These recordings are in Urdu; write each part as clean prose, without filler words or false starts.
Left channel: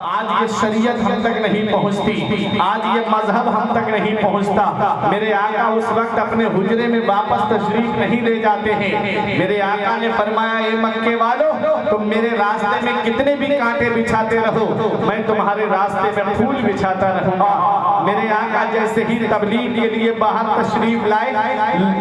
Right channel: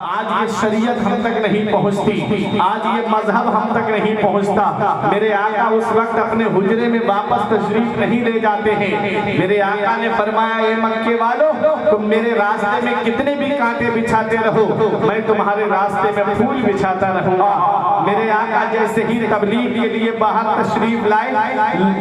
آج یہ شریعت ہم تک نہیں پہنچتی، آج یہ مذہب ہم تک نہیں پہنچتا۔ میرے آقا اس وقت اپنے حجرے میں واپس تشریف نہیں لے جاتے ہیں۔ میرے آقا نے فرمایا اے مکے والو، تم میرے راستے میں کتنے بھی کانٹے بچھاتے رہو، میں تمہارے راستے میں پھول بچھاتا رہوں گا۔ میرے آقا جیسے ہی تبلیغ کے لیے باہر تشریف لائے،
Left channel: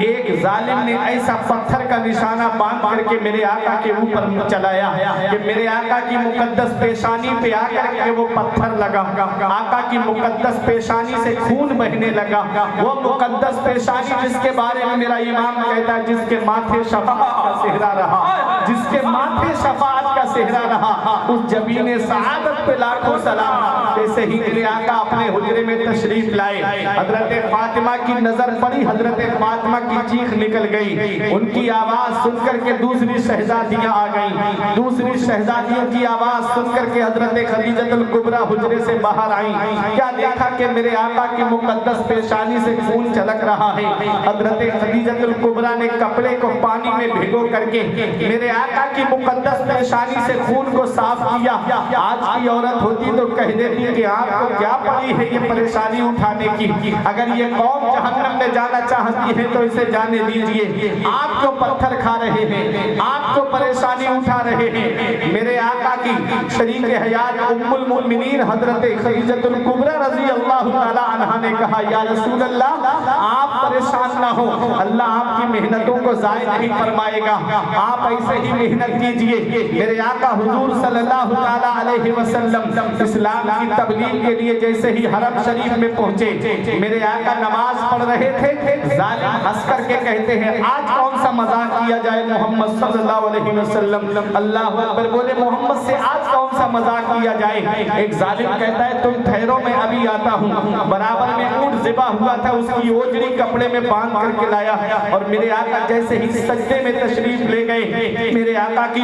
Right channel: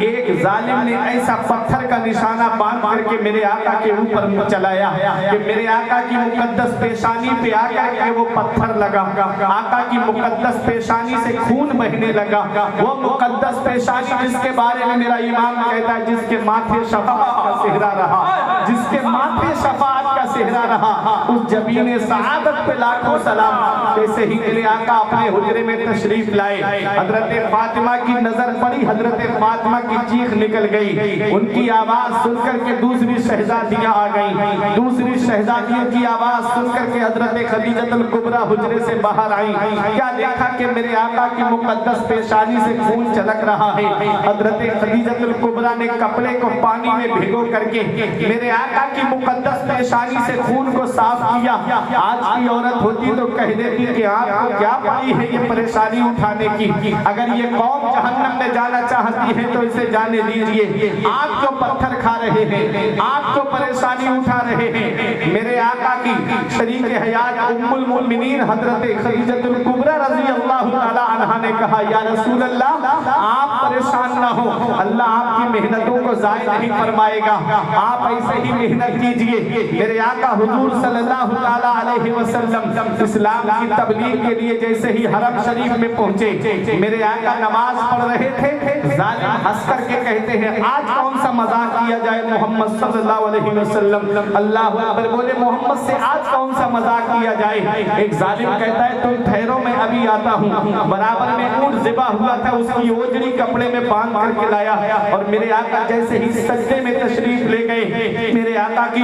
ایک ظالم نے ایسا پتھر کا نشانہ باندھ کر کے میرے آقا کے اوپر چلایا کہ میرے آقا کی مقدس پیشانی پہ آ کر کہ وہ پتھر لگا، آقا کی مقدس پیشانی سے خون بہنے لگا۔ وہ مقدس پیشانی جس کے بارے میں میرا امام کہتا ہے جس کے ماتھے شفاعت کا صحرا رہا، جس کے ماتھے شفاعت کا صحرا رہا، اس جبین سعادت پہ لاکھوں سلام۔ جیسے ہی میرے آقا اپنے حجرے میں تشریف لائے، حضرت فاطمہ کی نظر پڑی، حضرت فاطمہ کی چیخ نکل گئی۔ ان کی آواز سن کر کے دوسری شہزادیاں آ گئیں، دوسری شہزادیوں کی آواز سن کر کے حضرت خدیجہ الکبریٰ حجرے سے باہر آئیں۔ کیا دیکھا کہ میرے آقا کی مقدس پیشانی سے خون چھلک رہا ہے۔ حضرت خدیجہ الکبریٰ نے کپڑے کو پانی میں بھگو کر کے میرے آقا کی مقدس پیشانی سے خون کو صاف کیا۔ آج کی عورت ہوتی تو کہہ دیتی کہ آپ کو کیا پڑی ہے یہ پریشانی اٹھانے کی، اگر یہ قوم جہنم میں جانا چاہتی ہے تو اسے جانے دیجئے، آپ جو پتھر کھا رہے ہیں، آپ جو پریشانی اٹھا رہے ہیں۔ میرے آقا کی شریک حیات ام المؤمنین حضرت خدیجہ الکبریٰ رضی اللہ تعالی عنہا نے کہا یا رسول اللہ آپ پریشان نہ ہو، اللہ آپ کی محنتوں کو ضائع نہیں فرمائے گا، آپ ایسے ہی محنت کیجئے۔ میرے آقا حضور صلی اللہ تعالی علیہ وسلم اسلام کی تبلیغ کے لیے جیسے ہی حرم شریف میں پہنچے، میرے آقا نماز پڑھ رہے تھے، ظالم ہنس کر کے کہتے ہیں آج کون سا مذاق کیا جائے محمد صلی اللہ علیہ وسلم، اللہ اکبر بولے محمد سے آج کون سا مذاق کیا جائے۔ ایک ظالم کہتا ہے تم ٹھہرو میں ابھی آتا ہوں، برابر میں اونٹ ذبح ہوا تھا، اس کی اوجڑی کپڑے میں باندھ کر کے لایا، اور میرے آقا جیسے ہی سجدے میں تشریف لے گئے، میرے آقا کی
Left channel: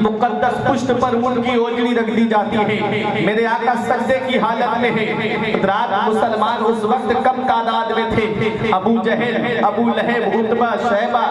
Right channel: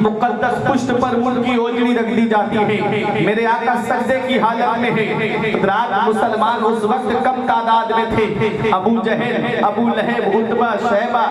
مقدس پشت پر ان کی اوجڑی رکھ دی جاتی ہے۔ میرے آقا سجدے کی حالت میں ہے۔ رات مسلمان اس وقت کم تعداد میں تھے، ابو جہل، ابو لہب، عتبہ، شیبہ،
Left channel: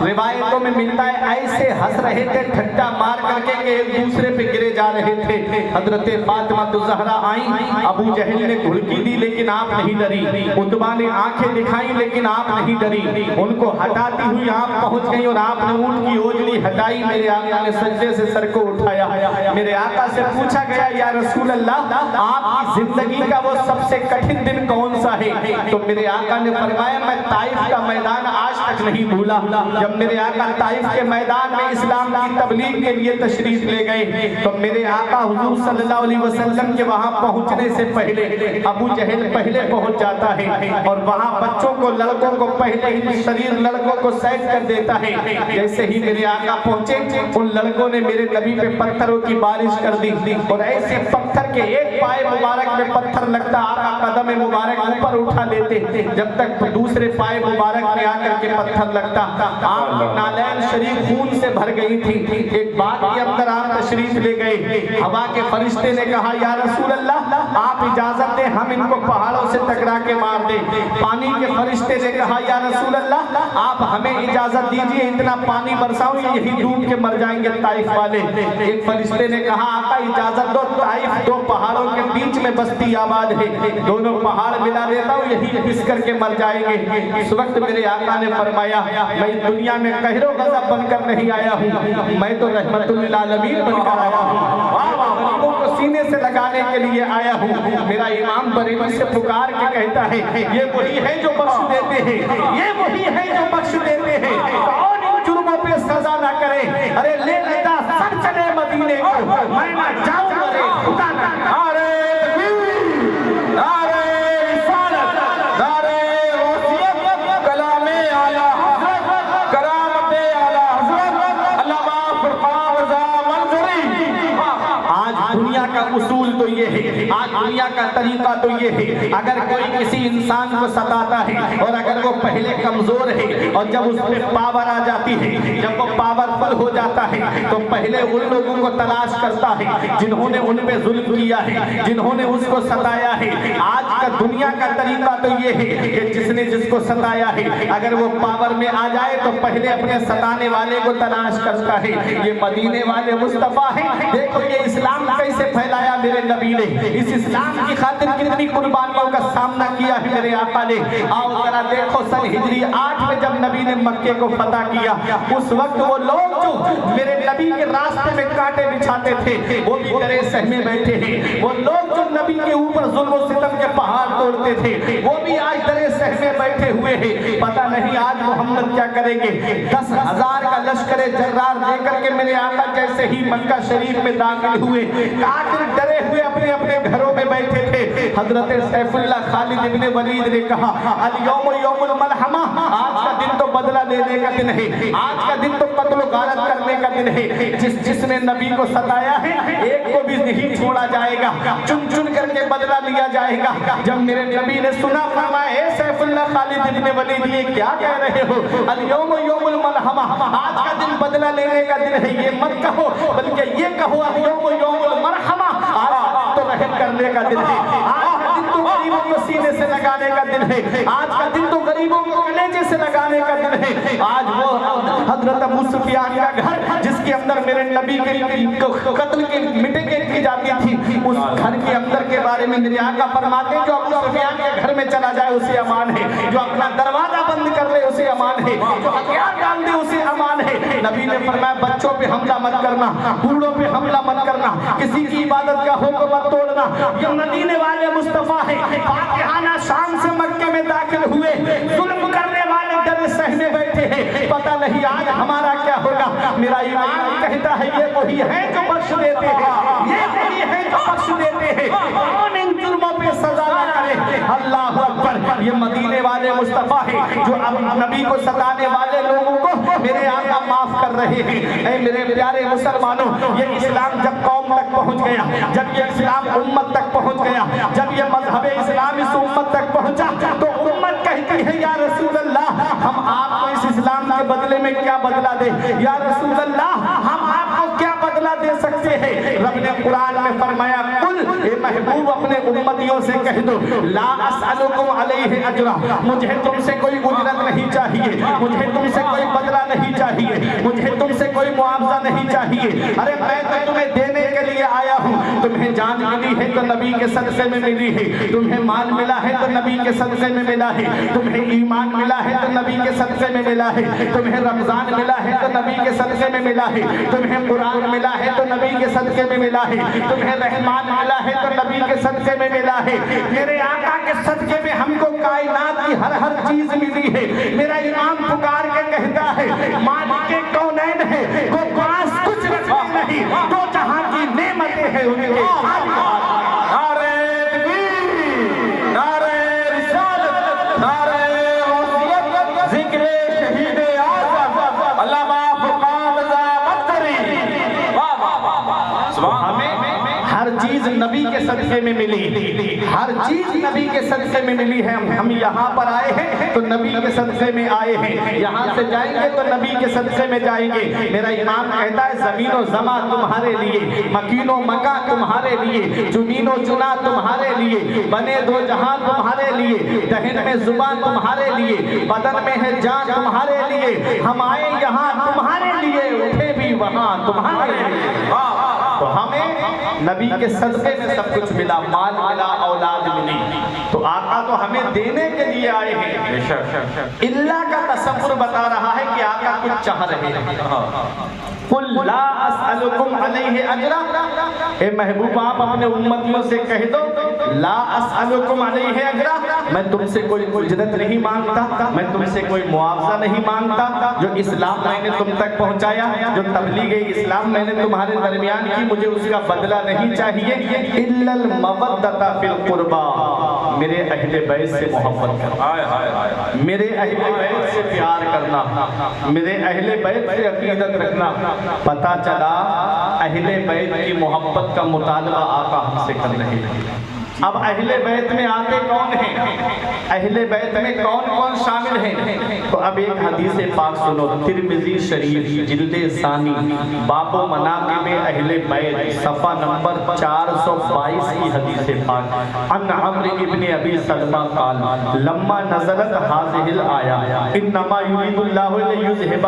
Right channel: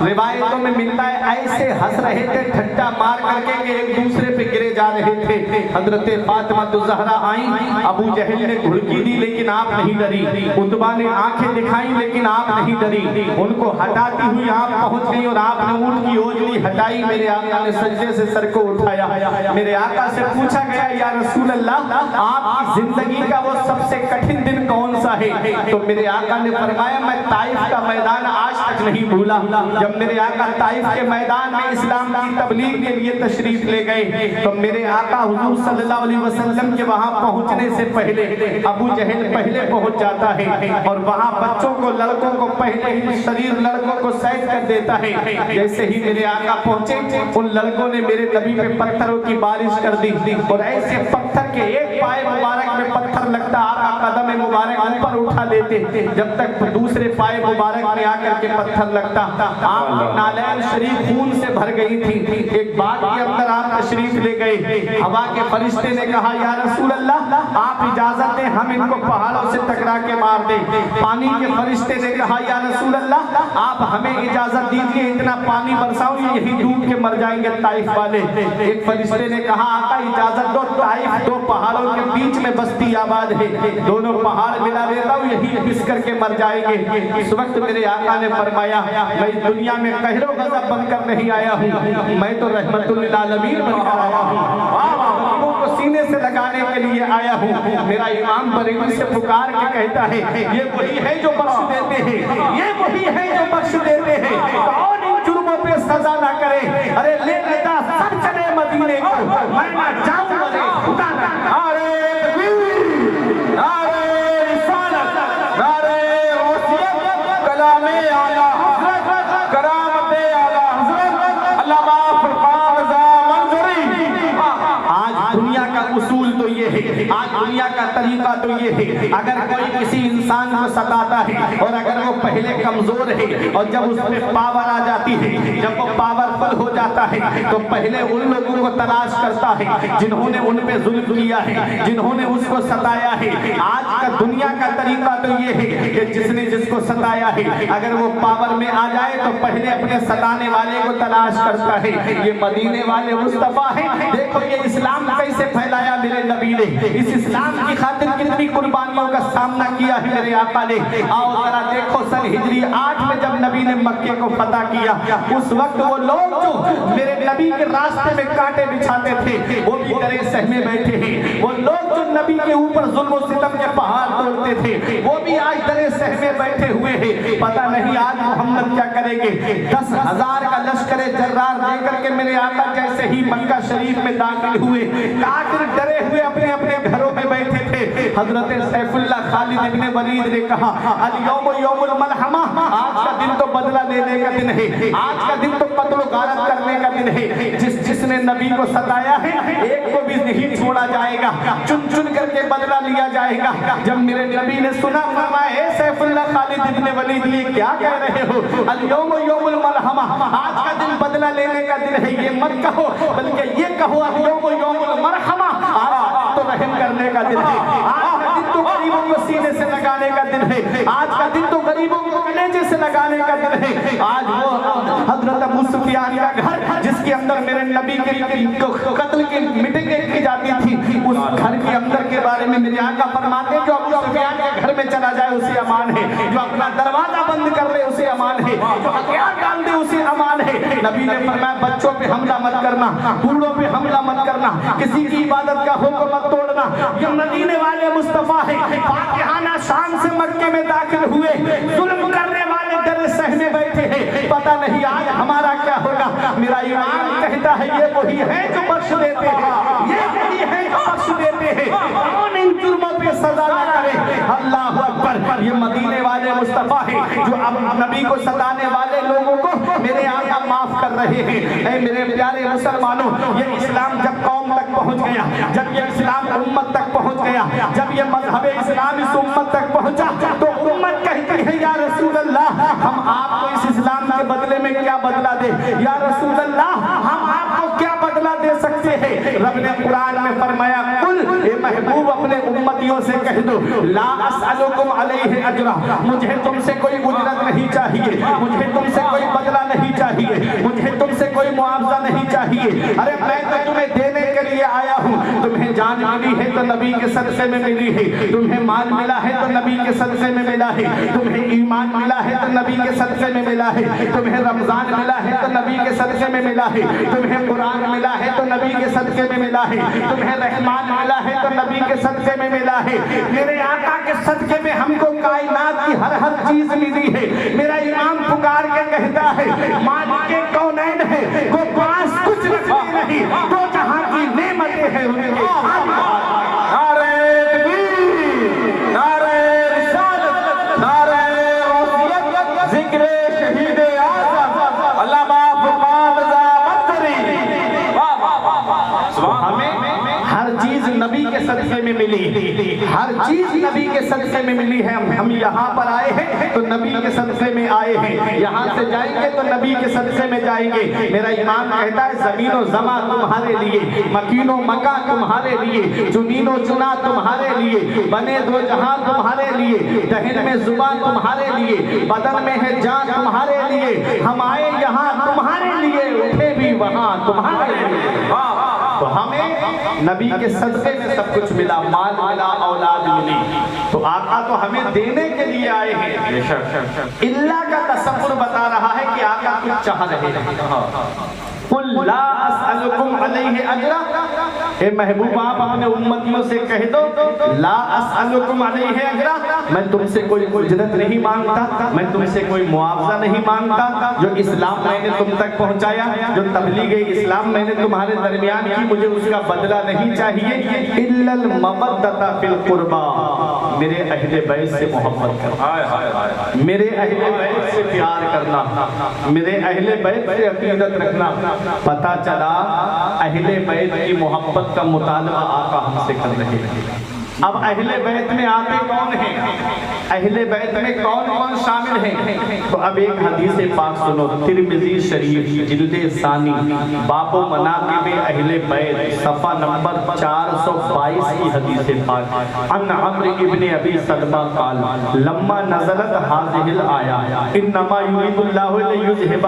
روایتوں میں ملتا ہے ایسے ہنس رہے تھے ٹھٹا مار کر کے کہ ایک دوسرے پہ گرے جا رہے تھے۔ حضرت فاطمہ الزہرا آئیں، ابو جہل نے گھڑکی دی لیکن آپ نہیں ڈری، عتبہ نے آنکھیں دکھائیں لیکن آپ نہیں ڈری، ان کو ہٹاتی ہوئی آپ پہنچ گئی اور آپ نے اونٹ کی اوجڑی ہٹائی، میرے آقا نے سجدے سے سر کو اٹھایا۔ میرے آقا سے پوچھا گیا یا رسول اللہ آپ کی زندگی کا وہ سب سے کٹھن دن کون سا ہے؟ تو میرے آقا نے فرمایا میں طائف کا میدان آج تک نہیں بھولا۔ جب میرے آقا طائف کے میدان میں اسلام کی تبلیغ کے لیے تشریف لے گئے تو میرے آقا حضور صلی اللہ علیہ وسلم کے وہاں پہنچنے سے پہلے ابو جہل پہلے پہنچ جاتا ہے اور وہاں بچوں کو، لڑکوں کو پہلے ہی شریر لڑکوں کو سیٹ کر دیتا ہے۔ جیسے ہی میرے آقا پہنچے ان لڑکوں نے میرے نبی پہ پتھروں کی بارش کر دی اور ایسے پتھر کے ایک پائے مبارک میں پتھر لگتا آقا قدم مبارک اوپر اٹھا لیتے جب تک دوسرے پائے مبارک میں آ کر کے پتھر لگتا۔ آپ نالین شریف خون سے بھر گئی تھی۔ ایک بات کے اندر آپ تشریف لے گئے، ہوا کے فرشتے نے کہا یا رسول اللہ آپ اجازت دیں ہم ان کو پہاڑوں سے ٹکرا کے مار دیں۔ پانی کے فرشتے نے کہا یا رسول اللہ آپ ہمیں اجازت دیجئے اتنا پانی برساؤ یہی ڈوب کے مر جائیں گے طائف والے۔ ایک فرشتے نے کہا آقا اجازت دو، طائف دو پہاڑوں کے بیچ میں بستی آباد ہے، دونوں پہاڑ ملا دیتا ہوں یہی پس کر کے مر جائیں گے۔ اس وقت میرے آقا نے فرمایا میں دنیا میں قہر و غضب بن کر نہیں آیا ہوں، میں تو رحمت للعالمین بن کر آیا ہوں، غریبوں کو سینے سے لگانے کے لیے آیا ہوں۔ میرا امام بریلوی سے پکار کے کہتا ہے یہ وہی ہے جو بخش دیتے ہیں، یہ وہی ہے جو بخش دیتے ہیں، کون ان جرموں پہ سزا نہ کرے، ارے لے لیتا سب چلے مدینے کو، میں نہ جاؤں مرے خدا نہ نعرے تکبیر، نعرے رسالت، نعرے غوثیت، کلام اعلی حضرت، کرامت اعلی حضرت، علامہ فرمان رضا منظری۔ آج دنیا کا اصول تو یہ ہے، آج دنیا کا طریقہ تو یہ ہے، اگر کوئی کسی انسان کو ستاتا ہے اور اگر وہ پہلے کمزور ہے اور جب اس پہ پاور آ جاتی ہے، جب وہ پاورفل ہو جاتا ہے تو پہلے ان لوگوں کو تلاش کرتا ہے جنہوں نے ان پہ ظلم کیا ہے، جنہوں نے اس کو ستایا ہے۔ آج کا دنیا کا طریقہ تو یہ ہے کہ جس نے جس کو ستایا ہے اگر وہ پاور میں آ جائے تو پہلے اپنے ستانے والے کو تلاش کرتا ہے۔ یہ مدینے والے مصطفیٰ ہیں، دیکھو یہ اسلام کیسے پھیلایا میرے نبی نے، اس اسلام کی خاطر کتنی قربانیوں کا سامنا کیا ہے میرے آقا نے۔ آؤ ذرا دیکھو سن ہجری 8 میں جب نبی نے مکے کو فتح کیا، اس وقت وہ لوگ جو میرے نبی کے راستے میں کانٹے بچھاتے تھے وہ بھی ڈرے سہمے بیٹھے ہیں، وہ لوگ جو نبی کے اوپر ظلم و ستم کے پہاڑ توڑتے تھے وہ بھی آج ڈرے سہمے بیٹھے ہوئے ہیں۔ پتہ نہیں آج محمد کیا کریں گے۔ 10,000 کا لشکر جرار لے کر کے میرے آقا جیسے ہی مکہ شریف میں داخل ہوئے، کافر ڈرے ہوئے اپنے اپنے گھروں میں بیٹھے تھے۔ حضرت سیف اللہ خالد ابن ولید نے کہا الیوم یوم الملحمہ، آج کا دن تو بدلہ لینے کا دن ہے، آج کا دن تو قتل و غارت کرنے کا دن ہے۔ جس نے نبی کو ستایا ہے ایک کو بھی نہیں چھوڑا جائے گا، چن چن کر کے بدلہ لیا جائے گا۔ جب میرے نبی نے سنا فرمایا اے سیف اللہ خالد ابن ولید یہ کیا کہہ رہے ہو، الیوم یوم الملحمہ، آج کا دن بدلہ لینے کا دن ہے، یہ مت کہو بلکہ یہ کہو الیوم یوم المرحمہ، آج تو رحم کرنے کا دن ہے، آج کا دن تو غریبوں کو سینے سے لگانے کا دن ہے، آج کا دن تو غریبوں کو کلیجے سے لگانے کا دن ہے۔ آج وہ حضرت ابو سفیان کا گھر جس کے اندر میرے نبی کے قتل کی میٹنگیں کی جاتی تھی، اس گھر کے اندر کے بارے میں میرے آقا فرماتے ہیں جو ابو سفیان کے گھر میں چلا جائے اسے امان ہے، جو اپنا دروازہ بند کر لے اسے امان ہے، جو ہتھیار ڈال دے اسے امان ہے۔ نبی نے فرمایا بچوں پہ حملہ مت کرنا، بوڑھوں پہ حملہ مت کرنا، کسی کی عبادت کا حکم مت توڑنا۔ یہ مدینے والے مصطفیٰ ہیں، فاتحانہ شان سے مکے میں داخل ہوئے، ظلم کرنے والے ڈرے سہنے بیٹھے ہیں۔ پتہ نہیں آج ہمارا کیا ہوگا۔ میرا ایمان کہتا ہے یہ وہی ہے جو بخش دیتے ہیں، یہ وہی ہے جو بخش دیتے ہیں، کون ان جرموں پہ سزا نہ کرے۔ اللہ اکبر، یہ مدینے والے مصطفیٰ ہیں جو اب نبی کو ستانے والے لوگوں کو میرے آقا معاف کر رہے ہیں۔ اے میرے پیارے مسلمانوں، یہ اسلام جب قوم تک پہنچ گیا، جب یہ اسلام امت تک پہنچ گیا، جب یہ مذہب اسلام اس امت تک پہنچا تو امت کہتی ہے یا رسول اللہ ہم آپ کو اس اسلام کے بدلے میں کیا بدلہ دے، یا رسول اللہ ہم آپ کو کیا بدلہ دے سکتے ہیں۔ رب نے قرآن میں فرمایا قل، اے محبوب اپنے امتیوں سے کہہ دو لا اسألکم علیہ اجرا، مجھے تم سے کوئی اجرت نہیں چاہیے، مجھے تم سے کوئی بدلہ نہیں چاہیے، مجھے تم سے کوئی معاوضہ نہیں چاہیے۔ ارے میں تو تمہیں دینے کے لیے آیا ہوں، تمہیں جان ملی ہے تو نبی کے صدقے میں ملی ہے، تمہیں مال ملا ہے تو نبی کے صدقے میں ملا ہے، تمہیں ایمان ملا ہے تو نبی کے صدقے میں ملا ہے، تمہیں رمضان ملا ہے تو نبی کے صدقے میں ملا ہے، تمہیں قرآن ملا ہے تو نبی کے صدقے میں ملا ہے، تمہیں رحمان ملا ہے تو نبی کے صدقے میں ملا ہے۔ میرے آقا کے صدقے میں ہم کو کائنات کی ہر چیز ملی ہے۔ میرا امام پکار کے کہتا ہے مالک کونین ہے وہ پاس کچھ رکھتے نہیں، دو جہاں کی نعمتیں ہیں ان کے۔ نعرہ تکبیر، نعرہ رسالت، نعرہ غوثیت، ذکر شہید اعظم علامہ فرمان رضا مدری۔ ہمیں ہر چیز نبی کے صدقے میں ملی، ہر چیز نبی کے صدقے میں ملی ہے۔ ہم یہاں پر آئے ہیں تو نبی کے صدقے میں آئے ہیں، یہاں سے جائیں گے تو نبی کے صدقے میں جائیں گے۔ میرا ایمان کہتا ہے زمین و زمان تمہارے لیے، مکین و مکان تمہارے لیے، زمین و چنا تمہارے لیے، بنے دو جہاں تمہارے لیے، دہن میں زبان تمہارے لیے، بدن میں ہے جان تمہارے لیے، ہم آئے یہاں تمہارے لیے، اٹھے بھی وہاں تمہارے لیے۔ تو ہمیں نبی کے صدقے میں سب کچھ ملا، مال ملا، اولاد ملی، تو آقا تو ہمیں دینے کے لیے آئے ہیں۔ اللہ کا تصور بتا رہا ہے کہ آقا کچھ چاہ رہے ہیں۔ قل لا اسألکم علیہ اجرا، اے محبوب آپ اپنے امتیوں سے کہہ دو لا اسألکم علیہ اجرا، میں تم سے کوئی اجرت نہیں مانگتا، میں تم سے کوئی معاوضہ نہیں مانگتا۔ جو اسلام میں نے تم تک پہنچایا، جو تبلیغ اسلام میں نے تمہارے درمیان کی، مجھے اس کا بدلہ نہیں چاہیے۔ الا المودۃ فی القربى، میرے اہل بیت سے محبت کرنا، میرے اہل بیت سے پیار کرنا، میرے اہل بیت سے عقیدت رکھنا۔ پتا چلا اہل بیت کی محبت کا مطالبہ آقا ہم سے کر رہے ہیں۔ اب اہل بیت میں آتے کون ہیں؟ اہل بیت میں کون کون شامل ہیں؟ تو اب ایک حدیث پاک سنو، ترمذی شریف جلد ثانی باب مناقب اہل بیت صفحہ نمبر 422 کی حدیث پاک۔ ان عمرو ابن ابی سلمہ قال لما نزلت هذه الآية انما يريد الله ليذهب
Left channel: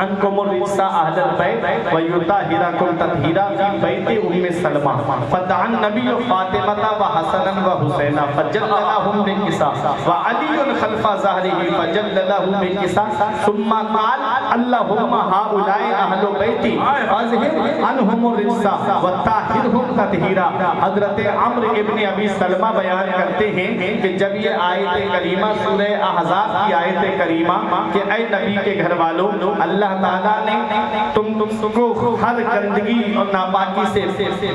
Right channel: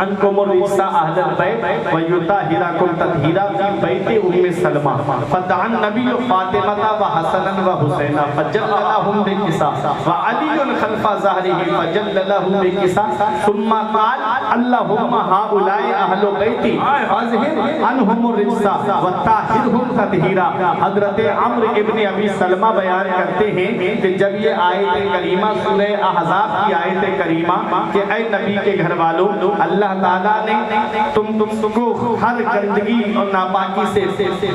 عنكم الرجس اهل البيت ويطهركم تطهيرا في بيت ام سلمہ فدعا النبي فاطمة وحسنا وحسینا فجل لهم بالكساء وعلي خلف ظهره فجل لهم بالكساء ثم قال اللهم هؤلاء اهل بيتي اذهب عنهم الرجس وطهرهم تطهيرا۔ حضرت عمرو ابن ابی سلمہ بیان کرتے ہیں کہ جب یہ آیت کریمہ سورہ احزاب کی آیت کریمہ کہ اے نبی کے گھر والوں، اللہ تعالیٰ نے تم کو ہر گندگی اور ناپاکی سے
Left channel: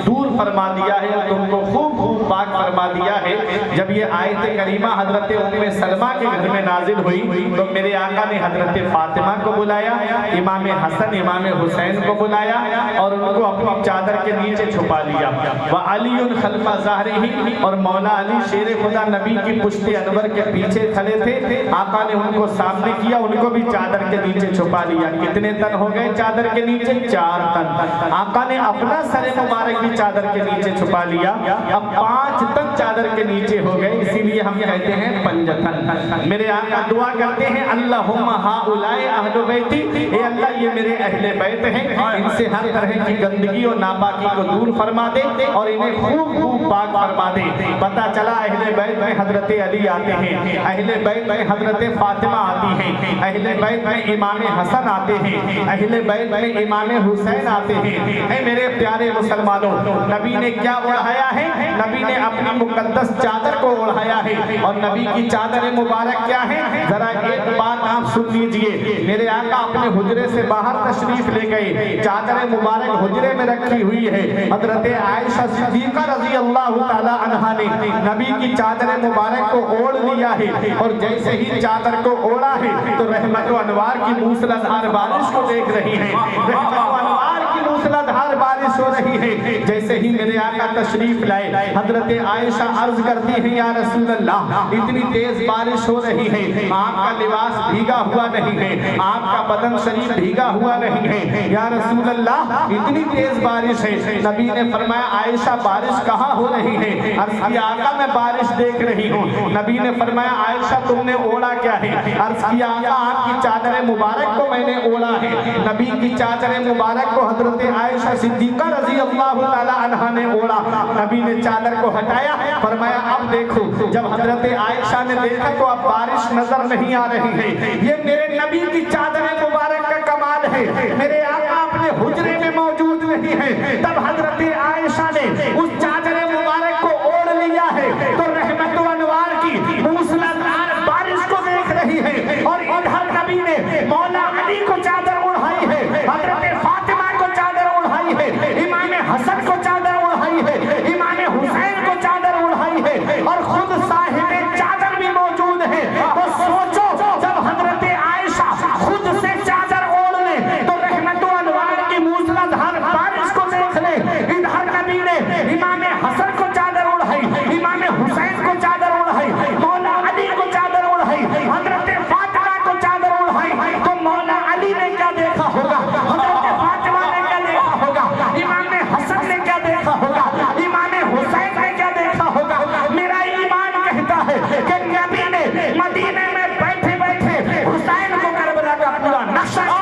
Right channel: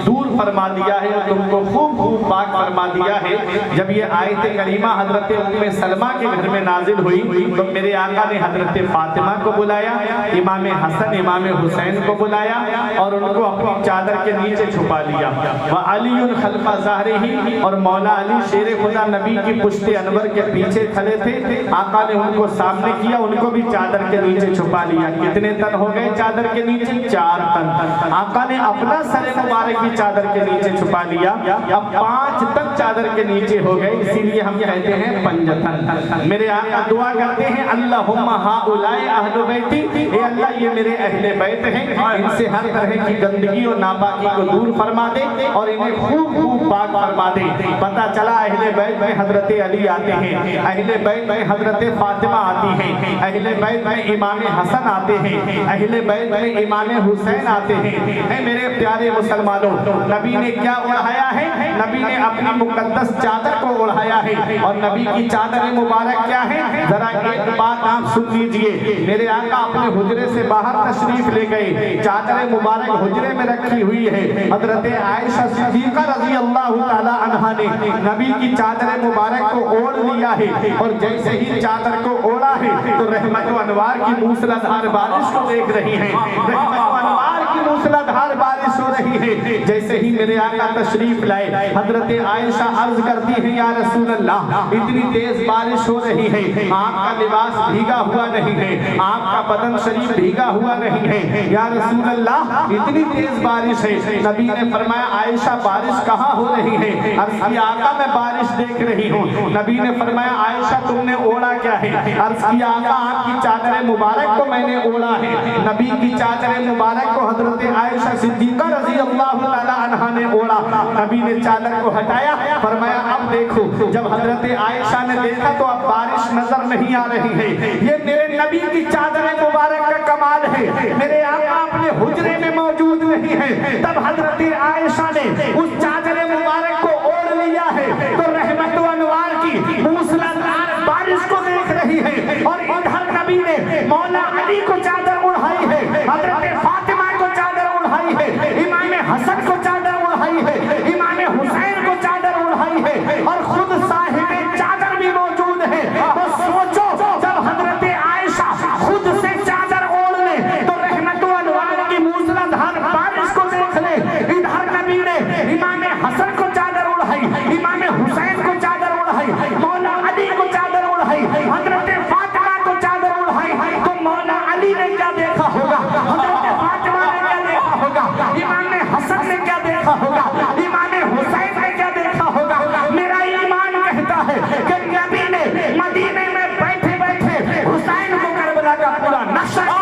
دور فرما دیا ہے، تم کو خوب خوب پاک فرما دیا ہے۔ جب یہ آیت کریمہ حضرت ام سلمہ کے گھر میں نازل ہوئی تو میرے آقا نے حضرت فاطمہ کو بلایا، امام حسن امام حسین کو بلایا اور ان کو اپنی چادر کے نیچے چھپا لیا۔ وعلی خلف ظہرہ، اور مولا علی شیر خدا نبی کی پشت انور کے پیچھے کھڑے تھے، آقا نے ان کو سامنے کیا، ان کو بھی چادر کے نیچے چھپا لیا۔ کتنے تن ہو گئے چادر کے نیچے؟ 4 تن۔ آقا نے اپنا سر مبارک بھی چادر کے نیچے چھپا لیا، اب 5 تن چادر کے نیچے ہو گئے، اسی لیے ہم کہتے ہیں پنجتن۔ میرے آقا دعا کرتے ہیں اللہم ہؤلاء اہل بیتی، اے اللہ یہ میرے اہل بیت ہیں، ان سے ہر طرح کی گندگی اور ناپاکی کو دور فرما دے اور انہیں خوب خوب پاک فرما دے۔ پتہ چلا اہل بیت میں حضرت علی آتے ہیں، اہل بیت میں حضرت فاطمہ آتی ہیں، اہل بیت میں امام حسن آتے ہیں، اہل بیت میں امام حسین آتے ہیں۔ اے میرے پیارے مسلمانوں، نبی نے کیا اڑھایا ہے؟ نبی نے اپنی مقدس چادر کو اڑھایا ہے، اور نبی کی چادر مبارک کیا ہے؟ ذرا ایک بات آپ سن لیجئے، میرے آقا اپنے حجرے سے باہر تشریف لے گئے، چادر مبارک حجرے میں رکھی ہوئی ہے۔ حضرت عائشہ صدیقہ رضی اللہ تعالی عنہا نے نبی کی چادر مبارک کو اوڑھ لیا ہے، اور جیسے ہی چادر کو اوڑھا ہے تو رحمت و انوار کی موسلادھار بارش کو دیکھ رہی ہیں، رحمت و انوار کی موسلادھار بارش ہو رہی ہے۔ جیسے ہی میرے آقا تشریف لائے، حضرت عائشہ عرض کرتی ہیں یا رسول اللہ اتنی تیز بارش ہو رہی ہے، آپ کا لباس بھیگا ہوا نہیں ہے، آپ کا بدن شریف بھیگا ہوا نہیں ہے، یا رسول اللہ اتنی تیز بارش ہے۔ نبی نے فرمایا عائشہ بارش کہاں ہو رہی ہے؟ عرض کیا آقا میں بارش دیکھ رہی ہوں۔ نبی نے فرمایا عائشہ تم نے اوڑھا کیا ہے؟ عرض کیا آقا آپ کی چادر مبارک کو میں نے اوڑھا ہے۔ نبی کی چادر مبارک کو حضرت عائشہ صدیقہ رضی اللہ تعالی عنہا نے اوڑھا۔ نبی نے چادر کو ہٹایا، فرمایا اب دیکھو۔ جب حضرت عائشہ نے دیکھا تو اب بارش نظر نہیں آ رہی ہے، یہ میرے نبی کی چادر مبارک کا کمال ہے، میرے آقا اپنے حجرے میں موجود نہیں ہے۔ تب حضرت عائشہ نے اس چادر مبارک کو اوڑھ لیا ہے تو رحمت و انوار کی موسلادھار بارش کو دیکھ رہی ہے، اور ادھر نبی نے مولا علی کو چادر اڑھائی ہے، حضرت فاطمہ کو چادر اڑھائی ہے، امام حسن کو چادر اڑھائی ہے، امام حسین کو چادر اڑھائی ہے، اور خود صاحب چادر بھی موجود ہے۔ تو سوچو جب حضرت عائشہ خود سے چادر اوڑھ لے تو رحمت و انوار کی موسلادھار بارش کو دیکھ لے، ادھر نبی نے امام حسن کو چادر اڑھائی، امام حسین کو چادر اڑھائی، مولا علی کو چادر اڑھائی، حضرت فاطمہ کو چادر اڑھائی، تو مولا علی نے کیا دیکھا ہوگا؟ حضرت فاطمہ نے کیا دیکھا ہوگا؟ امام حسن نے کیا دیکھا ہوگا؟ امام حسین نے کیا دیکھا ہوگا؟ میرا ایمان کہتا ہے کہ نبی نے مدینے میں بیٹھے بیٹھے حسین کو کربلا کا پورا نقشہ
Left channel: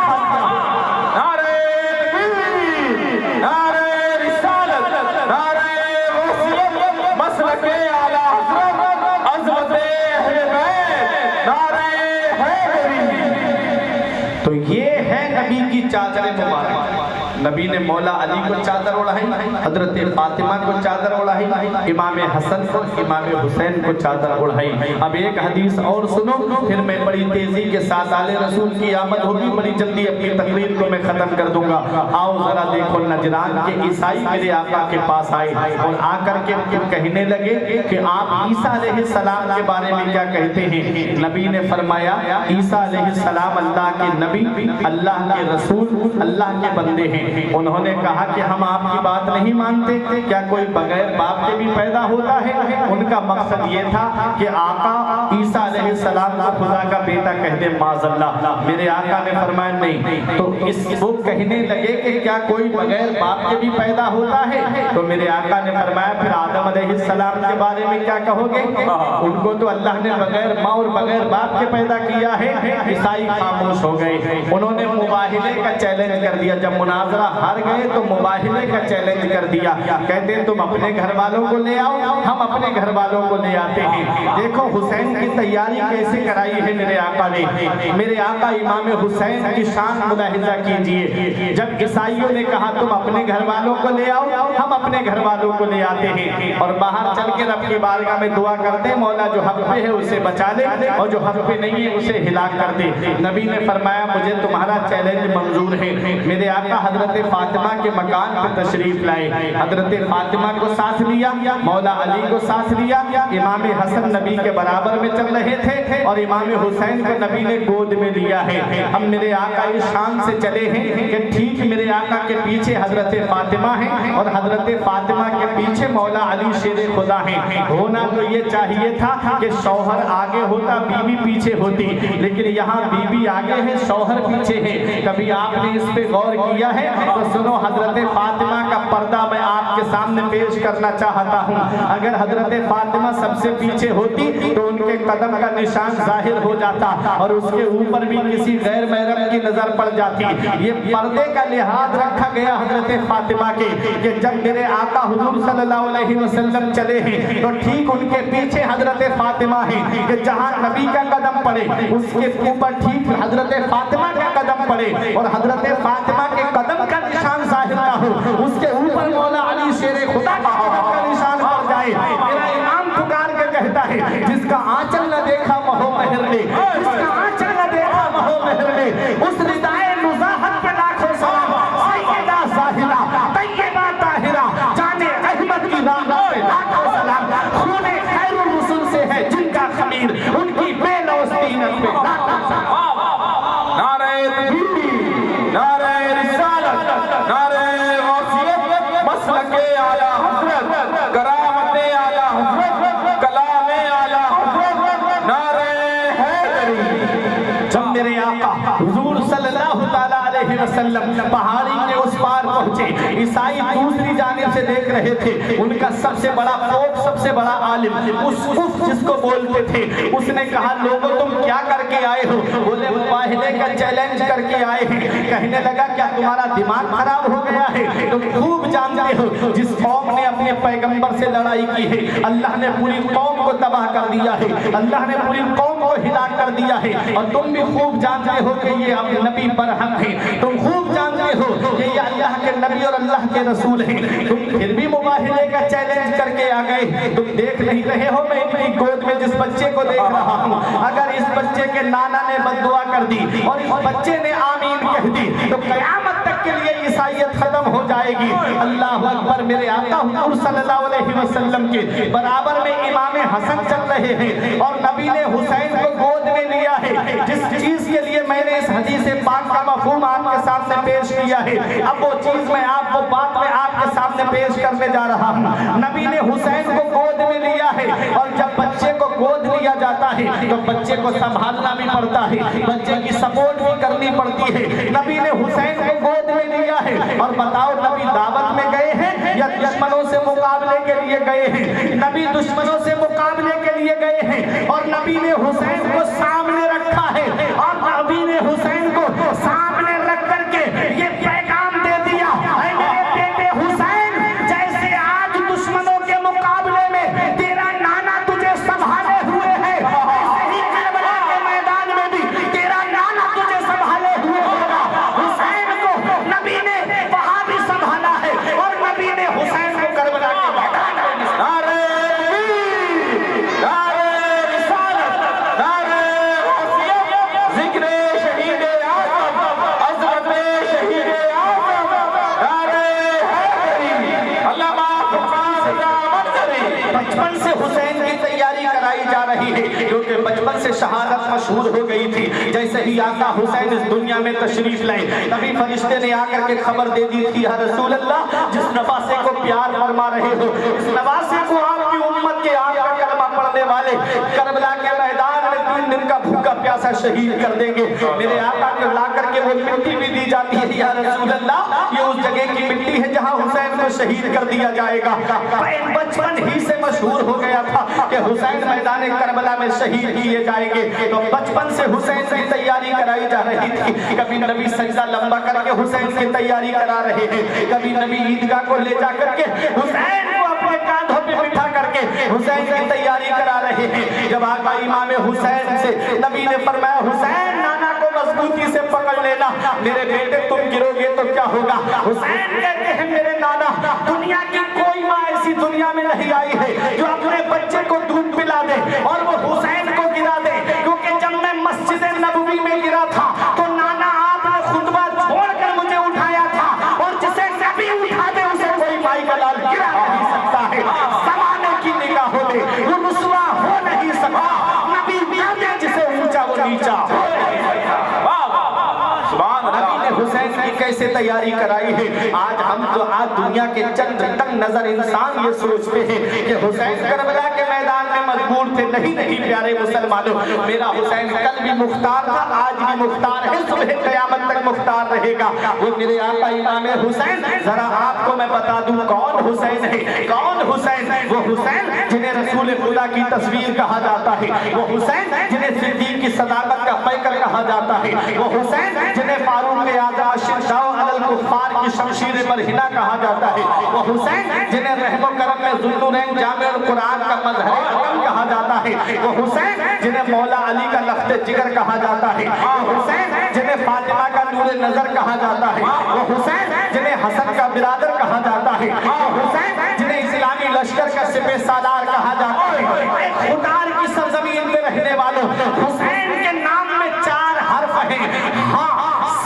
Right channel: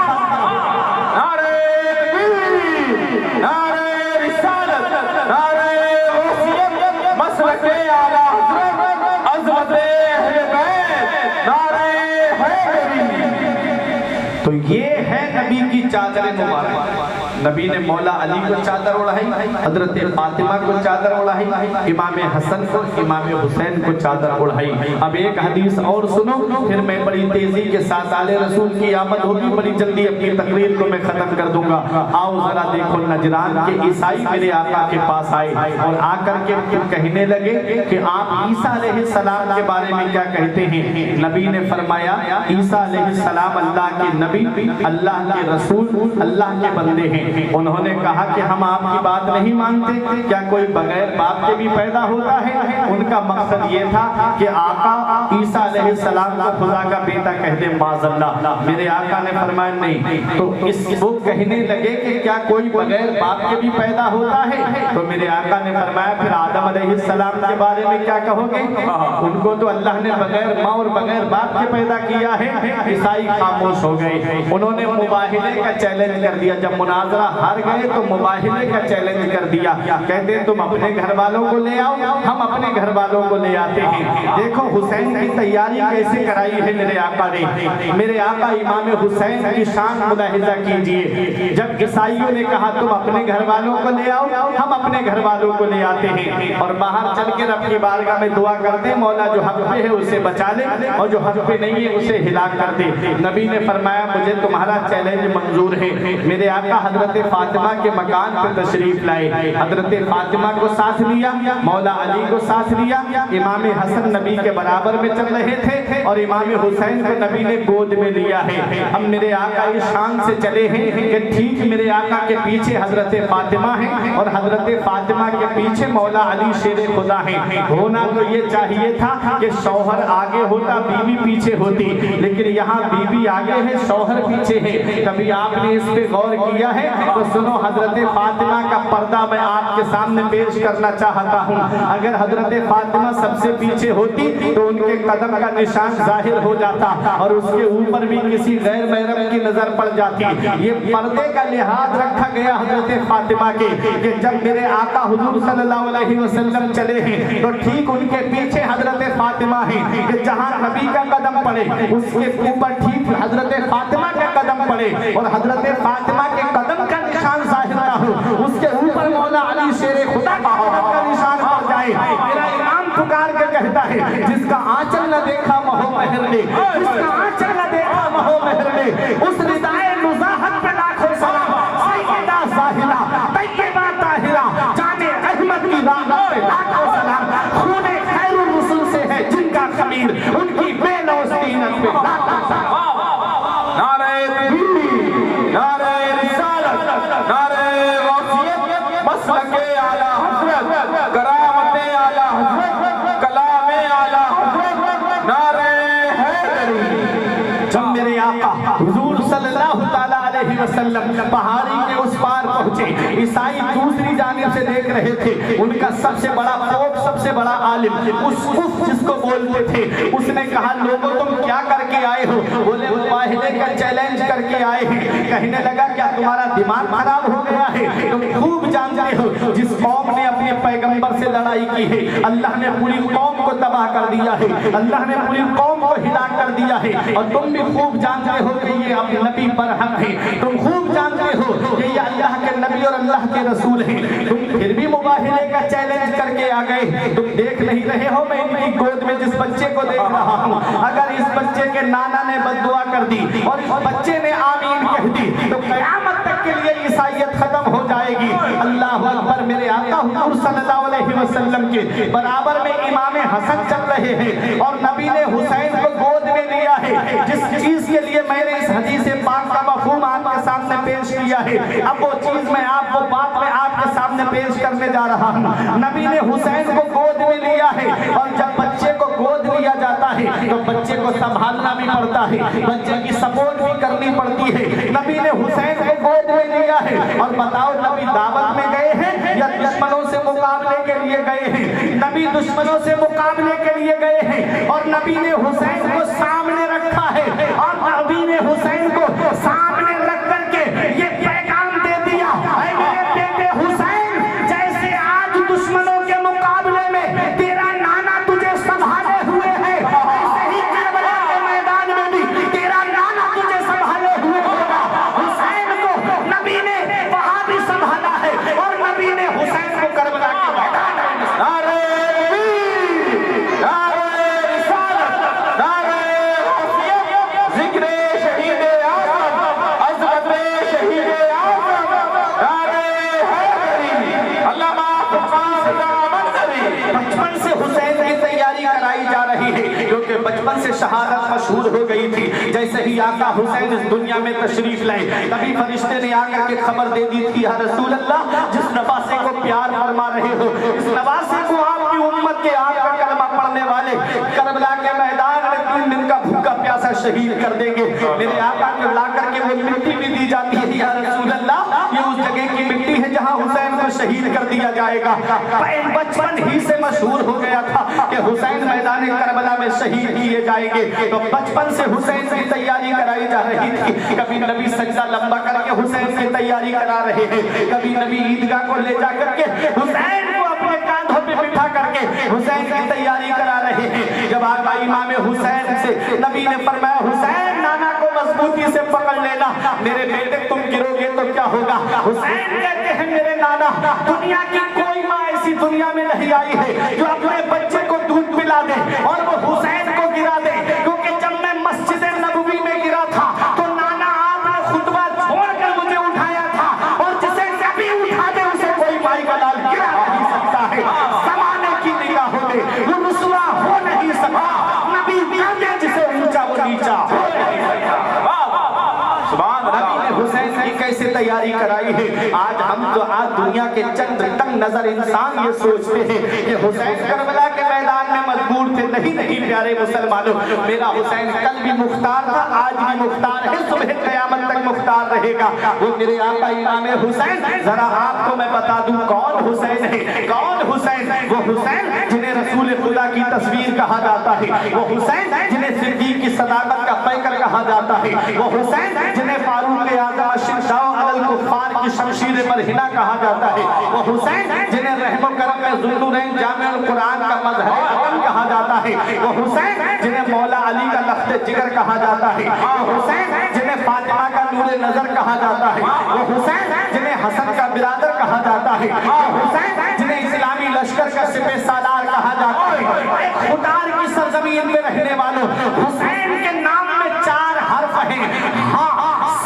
تو یہ ہے نبی کی چادر مبارک۔ نبی نے مولا علی کو چادر اڑھائی، حضرت فاطمہ کو چادر اڑھائی، امام حسن کو، امام حسین کو چادر اڑھائی۔ اب ایک حدیث اور سنو، پھر میں بڑی تیزی کے ساتھ آل رسول کی آمد ہوگی، بڑی جلدی اپنی تقریر کو میں ختم کر دوں گا۔ آؤ ذرا دیکھو، نجران کے عیسائی میرے آقا کے پاس آئے اور آ کر کے کہنے لگے کہ آپ عیسیٰ علیہ السلام کے بارے میں کیا کہتے ہیں؟ نبی نے فرمایا عیسیٰ علیہ السلام اللہ کے نبی، اللہ کے رسول، اللہ کے بندے ہیں۔ انہوں نے کہا کہ ہم آپ کی بات نہیں مانتے، کیا کوئی بغیر باپ کے بھی پیدا ہوتا ہے؟ ان کا مقصد یہ تھا کہ آقا عیسیٰ علیہ السلام کو خدا کا بیٹا کہہ دے معاذ اللہ۔ میرے آقا نے فرمایا نہیں، تو وہ کہنے لگے کہ کیا کوئی بغیر باپ کے بھی پیدا ہوتا ہے؟ تو میرے آقا نے فرمایا پھر آدم علیہ السلام کے بارے میں کیا کہو گے؟ ان کو تو اللہ نے بغیر ماں اور بغیر باپ کے پیدا کیا ہے۔ عیسائی خاموش ہو گئے، انہوں نے مباہلے کا چیلنج کر دیا۔ جب مناظرہ ہار گئے تو مباہلے کا چیلنج کر دیا، کہتے ہیں تم اپنے گھر والوں کو لے آؤ، ہم اپنے گھر والوں کو لے آتے ہیں۔ دیکھو حسین کی تیاری کیسے کرائی ہے میرے آقا نے۔ میرے آقا امام حسین کی شان ملاحظہ کیجئے، جب عیسائیوں نے کہا تم اپنے گھر والوں کو لے آؤ، ہم اپنے گھر والوں کو لے آتے ہیں، اور باہر چل کے رب کی بارگاہ میں دعا کرتے ہیں مولا جو حق پہ ہے اسے بچا لے اور جو حق پہ نہیں ہے اسے ہلاک کر دے۔ نبی نے فرمایا مجھے تمہارا چیلنج منظور ہے۔ میرے آقا حضرت فاطمہ کے مکان پہ تشریف لائے، حضرت فاطمہ کو ساتھ لیا، مولا علی کو ساتھ لیا، امام حسن نبی کے برابر میں چل رہے تھے اور امام حسین کو نبی نے گود میں لیا ہے۔ ہم میرے آقا اس شان سے چلے ہیں کہ ٹھیک میرے آقا کے پیچھے حضرت فاطمہ ہیں اور حضرت فاطمہ کے پیچھے مولا علی شیر خدا ہیں۔ ہونا تو یہ چاہیے تھا کہ شوہر آگے ہوتا بیوی پیچھے ہوتی، لیکن یہاں بیوی آگے ہے شوہر پیچھے ہے۔ کبھی آپ نے اس پہ غور کیا ہے؟ تو سنو حضرت فاطمہ کا پردہ میں آپ کے سامنے پیش کرنا چاہتا ہوں۔ اگر حضرت فاطمہ سب سے پیچھے ہوتی تو ان کے قدم کا نشان ظاہر ہو جاتا اور اس کے اوپر بھی کسی غیر محرم کی نظر پڑ جاتی۔ یہ پردے کا لحاظ رکھا گیا حضرت فاطمہ کے کہ جب میرے آقا حضور صلی اللہ علیہ وسلم چلے ہیں تو ٹھیک ان کے پیچھے حضرت فاطمہ ہیں کہ جہاں نبی کا قدم پڑے اس کے اوپر ٹھیک حضرت فاطمہ کا قدم پڑے اور حضرت فاطمہ کے قدم کا نشان ظاہر نہ ہو، اس کے اوپر مولا علی شیر خدا کا قدم کا نشان پڑ جائے۔ میرا امام پکار کے کہتا ہے جس کا آنچل نہ دیکھا مہو مہر نے، جس کا آنچل نہ دیکھا مہو مہر نے، اس ردائے نزاہت پہ لاکھوں سلام، سیدہ ظاہرہ طیبہ طاہرہ جان احمد کی رحمت پہ لاکھوں سلام، خون خیر الرسل سے ہے جن کا خمیر، ان کی بے لوث دینت پہ لاکھوں سلام۔ نعرہ تکبیر، نعرہ رسالت، نعرہ غوثیت، مسلک اعلی حضرت، کرامت اعلی حضرت، کلام اعلی حضرت، نعرہ حیدری۔ جب میرے آقا حضور صلی اللہ تعالیٰ علیہ وسلم پہاڑی کے اس پار پہنچے، عیسائی دوسری جانب سے دیکھ رہے تھے، ان کا سب سے بڑا فوق، سب سے بڑا عالم اس جس کو بولتے تھے، اس نے کہا لوگوں تم کیا کر کے آئے ہو؟ بولے مباہلے کا چیلنج کر کے آئے ہیں۔ کہنے لگا کیا تمہارا دماغ خراب ہو گیا ہے؟ تم خوب جانتے ہو جس قوم نے اپنے پیغمبر سے لڑائی کی ہے اللہ نے پوری قوم کو تباہ کر دیا ہے، اللہ نے پوری قوم کو ہلاک کر دیا ہے، اور تم بھی خوب جانتے ہو کہ یہ اب نبی برحق ہے، تم خوب جانتے ہو کہ یہ اللہ کے نبی اور اللہ کے رسول ہیں، تم پھر بھی مباہلے کا چیلنج کر کے آ گئے۔ تم دیکھ نہیں رہے ہو میں اپنی گود میں جس بچے کو دیکھ رہا ہوں، اگر اس بچے کے نانا نے بد دعا کر دی اور اس بچے نے آمین کہہ دی تو قیامت تک کے لیے عیسائیت ختم ہو جائے گی۔ اللہ اکبر۔ میرے آقا حضور صلی اللہ علیہ وسلم کے برابر میں امام حسن چل رہے ہیں اور نبی نے حسین کو گود میں لیا ہے۔ جس چیز کے لیے میں نے اس حدیث پاک کا مفہوم آپ کے سامنے پیش کیا ہے، اب وہ چیز میں آپ کو بات میں آپ کے سامنے پیش کرنے جا رہا ہوں۔ نبی نے حسین کو گود میں لیا ہے، اور جب بچے کو گود لیا جاتا ہے تو بچے کو سنبھالنا بھی پڑتا ہے، بچے کی سپورٹ بھی کرنی پڑتی ہے۔ نبی نے حسین کو گود میں لیا ہے، اور بتاؤ نبی دعوت میں گئے ہیں یا دشمنوں سے مقابلے کے لیے گئے ہیں؟ نبی دشمنوں سے مقابلے کے لیے گئے ہیں، اور نبی نے حسین کو سامنے رکھا ہے، اور نبی نے حسین کو سامنے رکھ کر کے یہ پیغام دے دیا، اے میرے بیٹے حسین، جیسے آج دشمنوں کے مقابلے میں تیرا نانا تجھے سنبھالے ہوئے ہے، ایسے ہی کربلا کے میدان میں بھی تیرا نانا تجھے سنبھالے ہوئے ہوگا۔ حسین کو نبی نے وہاں بھی سنبھالا ہے، اور نبی نے حسین کو کربلا کے میدان میں۔ نعرہ تکبیر، نعرہ رسالت، کرائی جا رہی ہے کیونکہ بچپن سے شہادت مشہور ہو گئی تھی۔ جیسے ہی آقا حسین اس دنیا میں تشریف لائے نبی فرشتے نے آ کر کے خبر دے دی تھی، یا رسول اللہ جس نواسے کو پیار فرما رہے ہو اس نواسے کو آپ کی امت کے آپ کا کلمہ پڑھنے والے کربلا کے میدان میں 3 دن کا بھوکا پیاسا شہید کر دیں گے۔ میرے آقا کو لا کر کے وہ مٹی بھی دی جاتی ہے، یا رسول اللہ یہ اس جگہ کی مٹی ہے جہاں حسین کو شہید کر دیا جائے گا۔ بچپن ہی سے مشہور ہو گیا تھا کہ حسین میدان کربلا میں شہید کیے جائیں گے، تو بچپن سے حسین کی تیاری کرائی جا رہی تھی۔ کبھی نبی سجدہ لمبا کر کے حسین کی تیاری کرا رہے ہیں، کبھی نبی عیدگاہ کو لے جا کر کے حسین کو اپنے کاندھوں پہ بٹھا کر کے حسین کی تیاری کرا رہے ہیں۔ جب آقا امام حسین سے نبی نے فرمایا حسین نانا کو مضبوطی سے پکڑ لینا، میرے بیٹے تم گرو گے تو کیا ہوگا؟ حسین کہتے ہیں میرے نانا دنیا کی کوئی ماں ایسی دنیا میں نہیں آئی ہے جو اپنے بچے کو دودھ پلا دے اور وہ حسین کو گرا دے، کیونکہ جب میں مسجد نبوی میں گرا تھا تو نانا آپ نے خطبہ چھوڑ کر مجھے اٹھایا تھا، اور جسے نبی اٹھا دے اسے کوئی مائی کا لال گرا نہیں سکتا ہے۔ زمانے کی نگاہوں میں وہ رسوا ہو نہیں سکا، نبی کہتے جسے اونچا وہ نیچا ہو نہیں سکتا۔ نبی نے حسین کی کیسے تیاری کرائی ہے؟ آج ہم تو آج دنیا کے چند تنگ نظر انسان یہ سوچتے ہیں کہ حسین کربلا کے میدان میں مجبور تھے۔ نہیں پیارے مسلمانوں، میرا حسین کل بھی مختار تھا، آج بھی مختار ہے، صبح قیامت تک مختار رہے گا۔ وہ میرے آقا امام حسین، ذرا آپ کو میں بتا دوں کون حسین ہے؟ کون حسین؟ وہ حسین جنہیں رسول خدا کی تصویر کہا جاتا ہے، وہ حسین جنہیں صدیق کی صداقت کا پیکر کہا جاتا ہے، وہ حسین جنہیں فاروق اعظم الشہداء علی الکفار کی شمشیر برہنہ کہا جاتا ہے، وہ حسین جنہیں رحم و کرم میں ذوالنورین جامع القرآن کا مظہر اعظم کہا جاتا ہے، وہ حسین جنہیں مولا علی کا لخت جگر کہا جاتا ہے، وہ حسین جنہیں فاطمہ کا نور نظر کہا جاتا ہے، وہ حسین جنہیں حسن کا برادر کہا جاتا ہے، وہ حسین جنہیں اسلامی لشکر کا سپہ سالار کہا جاتا ہے۔ خدار کی سرزمین میں رہنے والوں، حسین کے نام میں 4 حرف ہیں، ہاں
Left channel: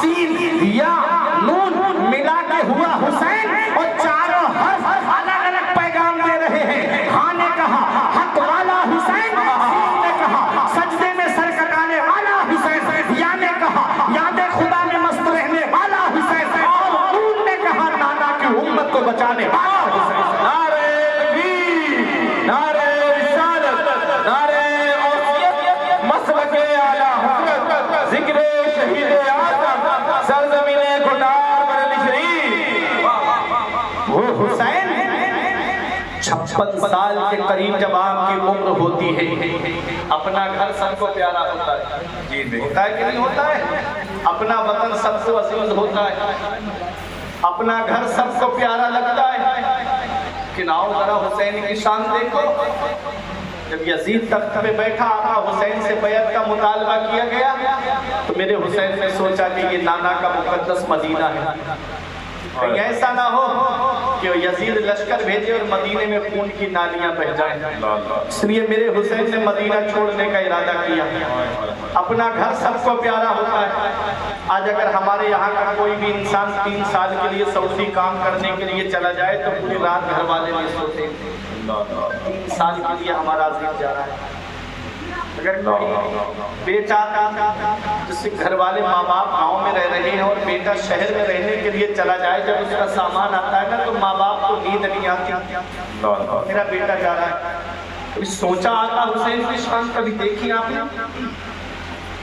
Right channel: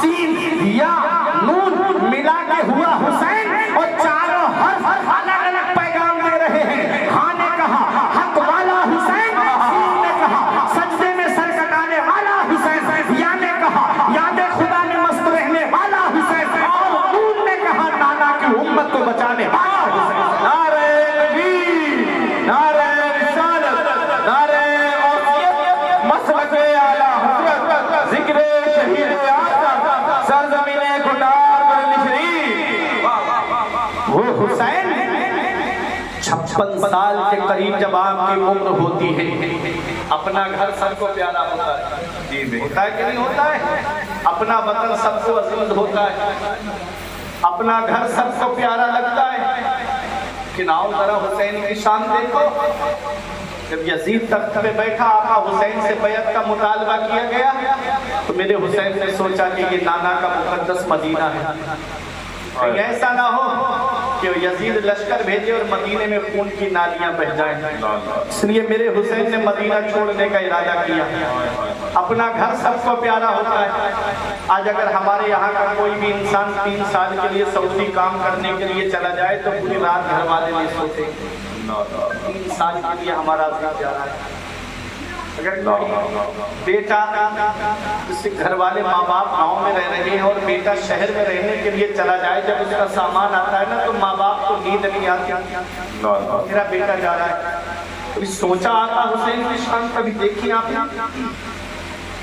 سین یا نون ملا کے ہوا حسین، اور چاروں حرف الگ الگ پیغام دے رہے ہیں۔ ہاں نے کہا حق والا حسین، سین نے کہا سجدے میں سر کٹانے والا حسین، یا نے کہا یاد خدا میں مست رہنے والا حسین، اور نون نے کہا نانا کی امت کو بچانے والا حسین۔ نعرہ تکبیر، نعرہ رسالت، نعرہ اوصیت، مسلک اعلیٰ حضرت، ذکر شہید سرزمین گھٹار برن شریف۔ وہ حسین 56 سال کے قریب جب آپ کی عمر ہوتی ہے، اپنا گھر سب کو پیارا ہوتا ہے، ہوتا ہے کہ نہیں ہوتا ہے؟ اپنا وطن سب کو عزیز ہوتا ہے، اپنا گھر سب کو پیارا لگتا ہے، لیکن آؤ ذرا حسین کی شان دیکھو۔ جب یزید تخت پہ بیٹھا آقا حسین سے بیعت کا مطالبہ کیا گیا تو میرے حسین نے سوچا کہ یہ نانا کا مقدس مدینہ ہے، کہیں ایسا نہ ہو کہ یزید لشکر بھیجے اور مدینے میں خون کی نالیاں بہہ جائیں۔ اس لیے میرے حسین نے مدینہ چھوڑنے کا ارادہ کیا۔ اپنا گھر سب کو پیارا ہوتا ہے۔ آج اگر ہمارے یہاں کا کوئی بھی انسان 3 سال کے لیے سعودی کام کرنے کے لیے چلا جائے تو پوری رات گھر والے نہیں سوتے، 3 سال کے لیے ہمارا عزیز جا رہا ہے۔ اگر بیٹا جس سے گھر والے ماں باپ گاؤں میں رہ رہے ہیں اور بیٹا شہر میں رہنے کے لیے چلا جائے، جب اس کا سامان آتا ہے نا تو ماں باپ کو نیند نہیں آتی، میرا بیٹا جا رہا ہے۔ کبھی سوچا آقا حسین کی شان کبھی دیکھی آپ نے؟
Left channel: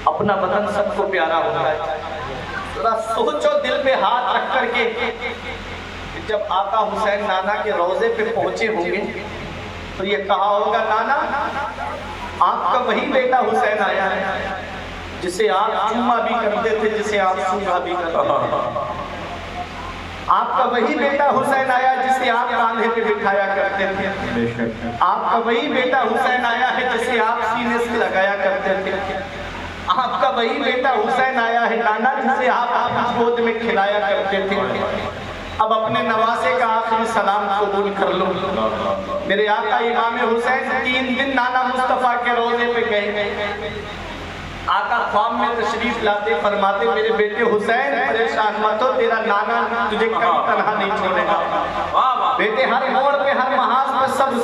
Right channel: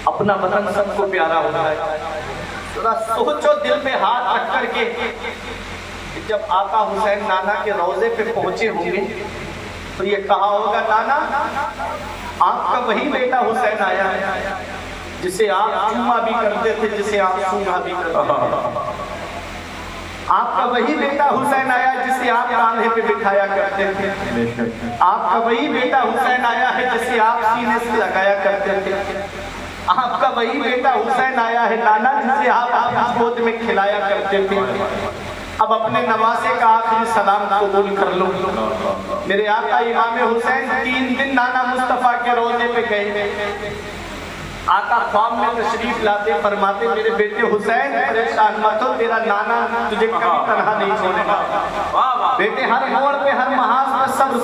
اپنا وطن سب کو پیارا ہوتا ہے۔ ذرا سوچو دل پہ ہاتھ رکھ کر کے، جب آقا حسین نانا کے روضے پہ پہنچے ہوں گے تو یہ کہا ہوگا نانا آپ کا وہی بیٹا حسین آیا ہے جسے آپ چوما بھی کرتے تھے، جسے آپ سونگا بھی کرتے تھے۔ آپ کا وہی بیٹا حسین آیا جسے آپ کاندھے پہ بٹھایا کرتے تھے۔ آپ کا وہی بیٹا حسین آیا ہے جسے آپ سینے سے لگایا کرتے تھے۔ آپ کا وہی بیٹا حسین آیا ہے نانا جسے آپ گود میں کھلایا کرتے تھے۔ اب اپنے نواسے کا آخری سلام قبول کر لو۔ میرے آقا امام حسین 3 دن نانا مصطفیٰ کے روضے پہ گئے۔ آقا خواب میں تشریف لاتے فرماتے میرے بیٹے حسین پریشان مت ہو، تیرا نانا تجھے کبھی تنہا نہیں چھوڑے گا۔ بیٹے ہر موڑ پہ ہر محاذ پہ صبر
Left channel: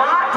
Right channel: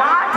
8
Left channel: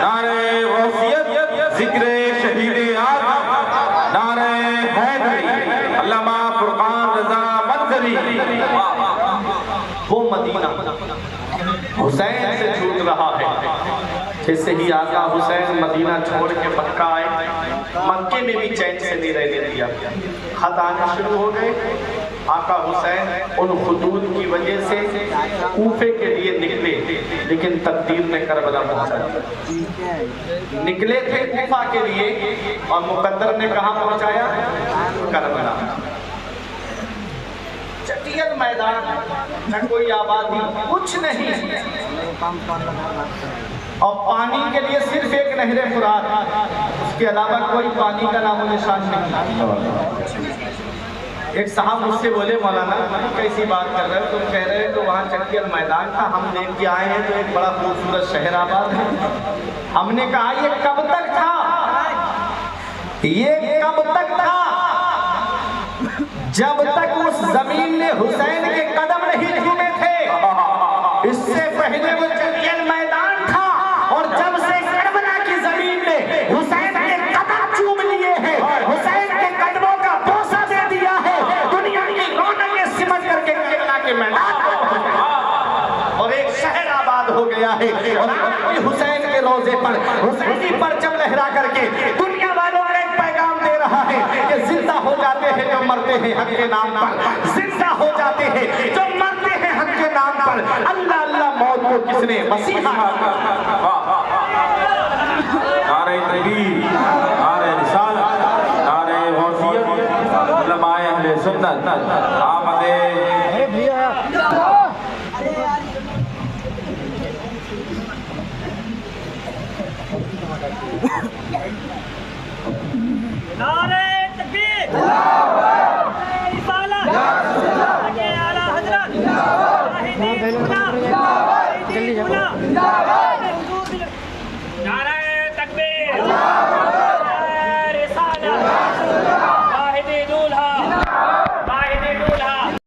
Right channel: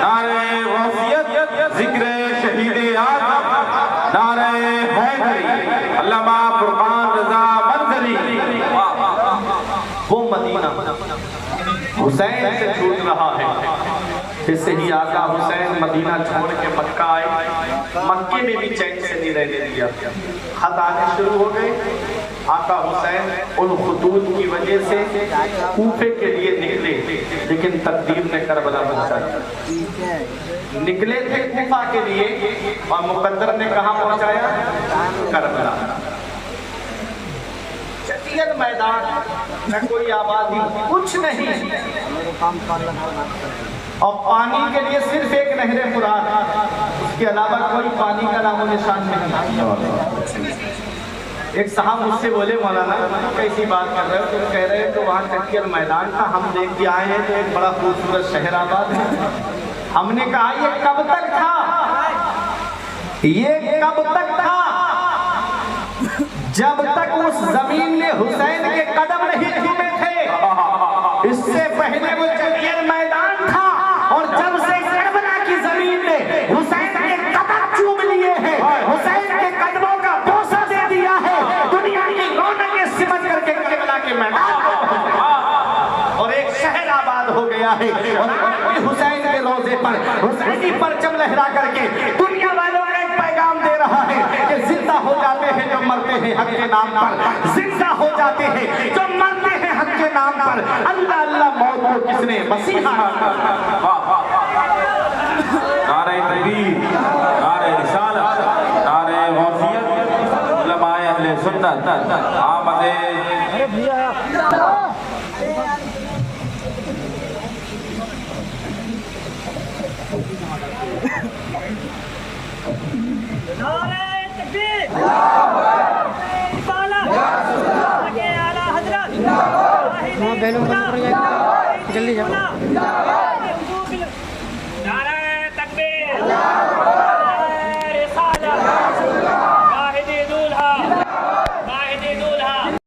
نعرہ غوثیت، ذکر شہید اعظم، نعرہ حیدری، علامہ فرقان رضا منظری۔ وہ مدینہ حسین سے چھوٹ رہا ہے، جیسے ہی آقا حسین مدینہ چھوڑ کے مکہ آئے، مکے میں بھی چین سے نہیں رہنے دیا، خط آنے شروع ہو گئے۔ آقا حسین ان خطوط کی وجہ سے کوفے کے لیے نکلے، لیکن تقدیر نے کربلا پہنچا دیا۔ نکلے تھے کوفہ کے لیے اور مقدر نے کہاں پہنچایا؟ کربلا۔ چٹیل میدان، نہ کوئی آبادی، کچھ نہیں، اور پانی کے لیے صرف ایک نہر فرات، اس کے علاوہ کوئی پانی کا نام و نشان نہیں۔ ایک صاحب مجھ سے بولے مولانا کیسی بات کر رہے ہو، تم کہہ رہے ہو تو وہاں چٹیل میدان تھا، ہم دیکھ کے آئے ہیں تو ایک بڑا خوبصورت شہر آباد ہے۔ ہم نے کہا یہ کب تک تھا، یہ کب تک تھا؟ جب تک اس زمین میں حسین کے قدم نہیں چھومے تھے، اس سے پہلے وہ چٹیل میدان تھا، اور جب سے کربلا کی زمین میں حسین کے قدم چوم لیے ہیں، حسین کے قدموں کا بوسہ دے دیا ہے، دنیا کی رونقیں سمجھ کر کے کربلا کے میدان اور ایک شہر آباد ہو گیا ہے۔ اور حسین کے روضے پر حسینی پرچم لہرا کر کے دنیا والوں کو ایک پیغام دے رہا ہے کہ زندہ ہو جاتے ہیں جو مرتے ہیں حق کے نام پر، زندہ ہو جاتے ہیں جو مرتے ہیں حق کے نام پر۔ اللہ اللہ موت کو کس نے؟ مسیحا۔ نعرہ تکبیر، نعرہ رسالت، نعرہ غوثیت، علماء اہل سنت، آمد نعرہ تکبیر، رسالت، آگے اعلیٰ حضرت، نعرہ تکبیر۔